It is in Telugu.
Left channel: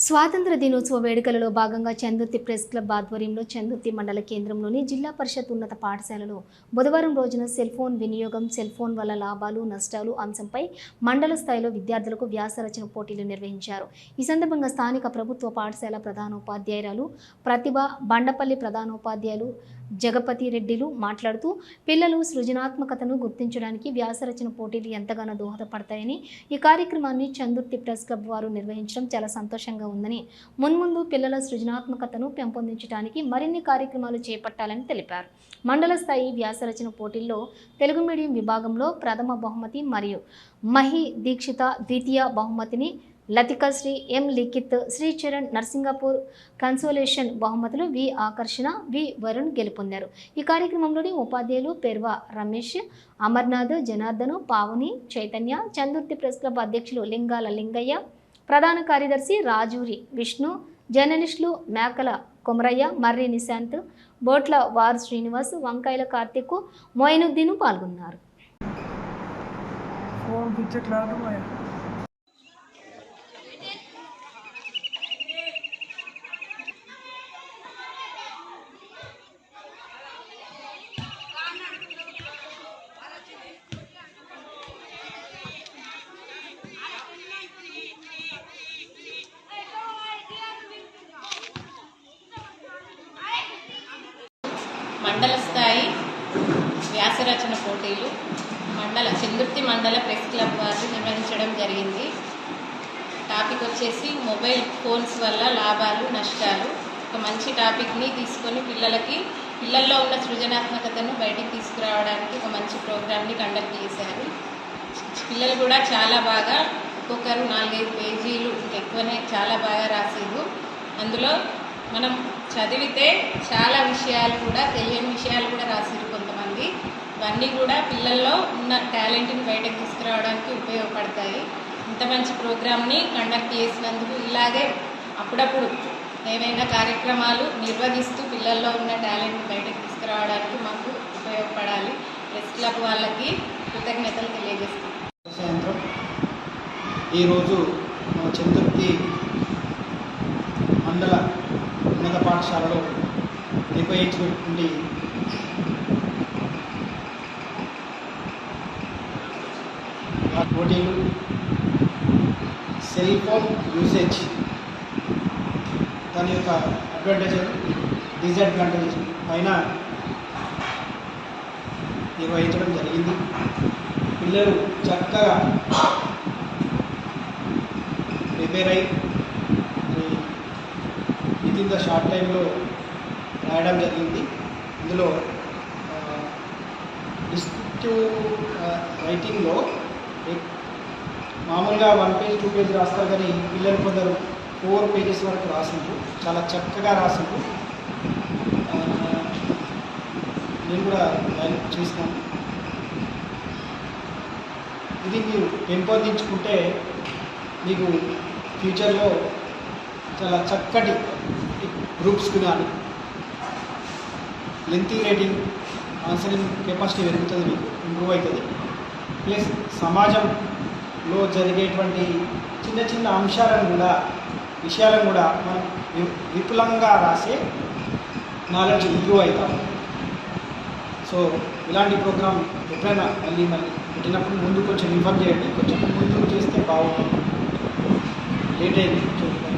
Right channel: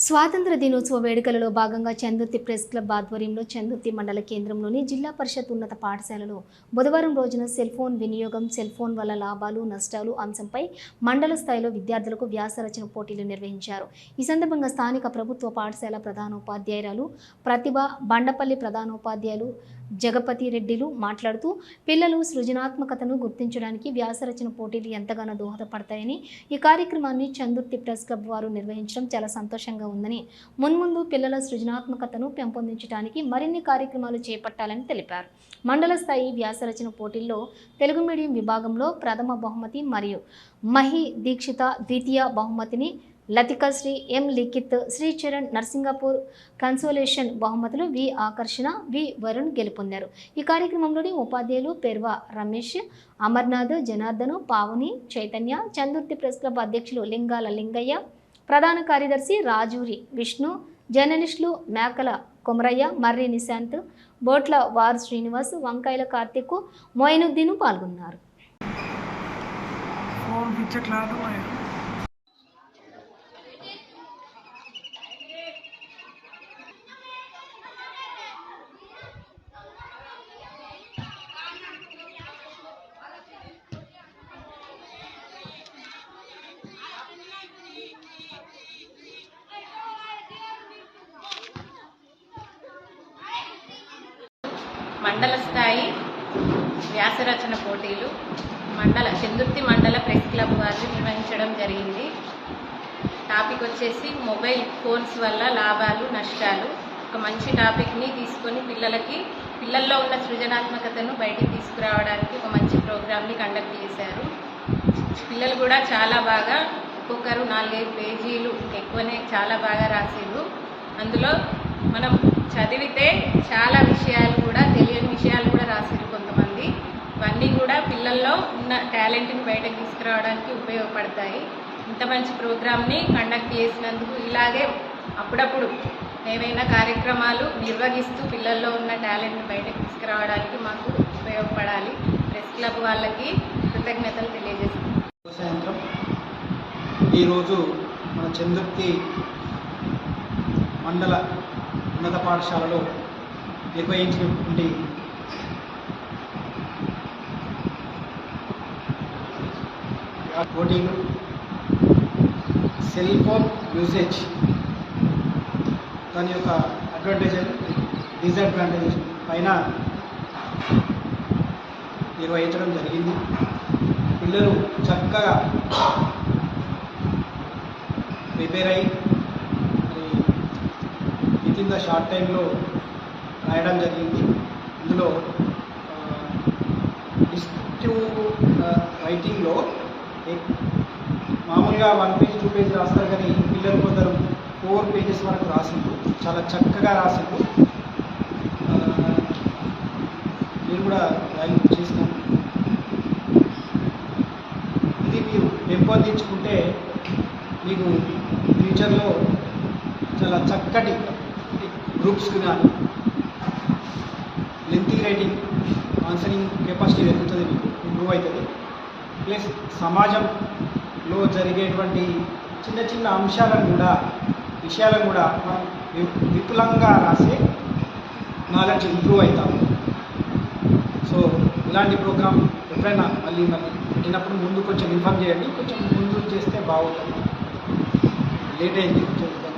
స్వాతంత్ర దినోత్సవ వేడుకలలో భాగంగా చందుర్తి ప్రెస్ క్లబ్ ఆధ్వర్యంలో చందుర్తి మండల కేంద్రంలోని జిల్లా పరిషత్ ఉన్నత పాఠశాలలో బుధవారం రోజున సెల్ ఫోన్ వినియోగం సెల్ ఫోన్ వల్ల లాభాలు నష్టాలు అంశంపై మండల స్థాయిలో విద్యార్థులకు వ్యాసరచన పోటీలు నిర్వహించారు. ఈ సందర్భంగా స్థానిక ప్రభుత్వ పాఠశాల ప్రధానోపాధ్యాయురాలు ప్రతిభ బండపల్లి ప్రధానోపాధ్యాయులు జగపతి రెడ్డిలు మాట్లాడుతూ పిల్లలు సృజనాత్మకతను గుర్తించడానికి వ్యాసరచన పోటీలు ఎంతగానో దోహదపడతాయని ఈ కార్యక్రమాన్ని చందుర్తి ప్రెస్ క్లబ్ వారు నిర్వహించడం చాలా సంతోషంగా ఉందని మున్ముందు పిల్లల సృజనాత్మకతను పెంపొందించడానికి మరిన్ని కార్యక్రమాలు చేపట్టాలని తెలిపారు. మండల స్థాయి వ్యాసరచన పోటీల్లో తెలుగు మీడియం విభాగంలో ప్రథమ బహుమతి మరియు మహి దీక్షిత ద్వితీయ బహుమతిని లతికశ్రీ ఎం లిఖిత్ శ్రీచరణ్ నర్సింగపూర్ కన్సోలేషన్ బహుమతులు వి ఆకర్షణ వి వరుణ్ గెలుపొందారు. ఈ కార్యక్రమంలోని ఉపాధ్యాయులు పెర్వా రమేష్ అమర్నాథ్ జనార్దను పావుని చైతన్య చందుర్తి ప్రెస్ క్లబ్ అధ్యక్షులు లింగాల లింగయ్య ప్రధాన కార్యదర్శి రాజూరి విష్ణు జర్నలిస్టులు మేకల కొమరయ్య మర్రి నిశాంత్ బోట్ల వారు శ్రీనివాస్ వంకాయల కార్తీక్ మోయినుద్దీన్ పాల్గొన్నారు. మండల స్థాయి వ్యాసరచన పోటీలు మండల చందుర్తి మండల ప్రెస్ క్లబ్ వారు నిర్వహించడం జరిగింది. టాపిక్ వచ్చేసి మొబైల్ ఫోన్స్ వల్ల లాభాలు నష్టాలు. ఒక మంచి టాపిక్ని తీసుకొని పిల్లలకి పిల్లల్లో ఉన్న సృజనాత్మకతను బయటికి తీసుకురావడానికి ఒక మంచి ప్రోగ్రామ్ని కండక్ట్ చేశారు. పిల్లలు కూడా చాలా బాగా ఒక్కొక్కరు నాలుగైదు పేజీలు ఎక్కువనే చాలా బాగా రాసారు అందులో మనం చదివితే చాలా విషయాలు కూడా తెలియని విషయాలు కూడా రాసారు కొంతమంది. ఇవన్నీ కూడా పిల్లల్లో ఉన్న టాలెంట్ని బయటకు తీసుకురావడానికి ఉపయోగపడతాయి. ఇంత మంచి ప్రోగ్రామ్ని కండక్ట్ చేసినందుకు ఇలాగే అప్పుడప్పుడు ఏవైనా కార్యక్రమాలు నిర్వహిస్తూ పిల్లల్లో ఉన్న టాలెంట్ని బయటకు తీసుకురావడానికి మాకు ఉపయోగపడాలి. ప్రెస్ క్లబ్ వాళ్ళకి కృతజ్ఞతలు తెలియజేస్తాం సాయంత్రం ఈరోజు మన చందుర్తి మండల ఉన్నత పాఠశాలలో నిర్వహించినటువంటి ఆ పోటీలు సెల్ ఫోన్ యూసేజ్ దాని యొక్క అడ్వాంటేజ్ డిసడ్వాంటేజ్ పైన నిర్వహించడం జరిగింది. పిల్లలు చక్కగా ప్రిపేర్ అయ్యి విత్ ఇన్ ద షార్ట్ టైంలో రాయడం జరిగింది. ఇందులో డిస్క్రిప్టివ్ రైటింగ్లో మామూలుగా వన్ పేజ్ టూ పేజ్ రాస్తారు కానీ పిల్లలు కొందరు ఫోర్ పేజెస్ వరకు రాసిండ్రు. చాలా చక్కగా రాసిండ్రు. నేను కూడా వాల్యూ చేసినాను. ఇది మీరు పెంపొందించుకుంటే మీకు ఫ్యూచర్లో చాలా చక్కటి గ్రూప్స్కి కానీ లెంతీ రైటింగ్ ఆన్సరింగ్ కెపాసిటీ పెరుగుతుంది మీకు ఇంప్రూవ్ అవుతుంది. ప్లస్ సమాజంలో జరిగేటువంటి చిన్న చిన్న అంశాలను కూడా విషయాలను కూడా మనం విపులంగా రాసే నాలెడ్జ్ ఇంప్రూవ్ అవుతాము. సో ఇలాంటి ప్రోగ్రామ్ ఎప్పుడైనా మళ్ళీ మళ్ళీ పెట్టినప్పుడు ముందు కొంచెం ఇన్ఫార్మ్ చేయండి. కొంచెం ముందు చేస్తే బాగుంటుంది. లేట్ అయింది చూద్దాం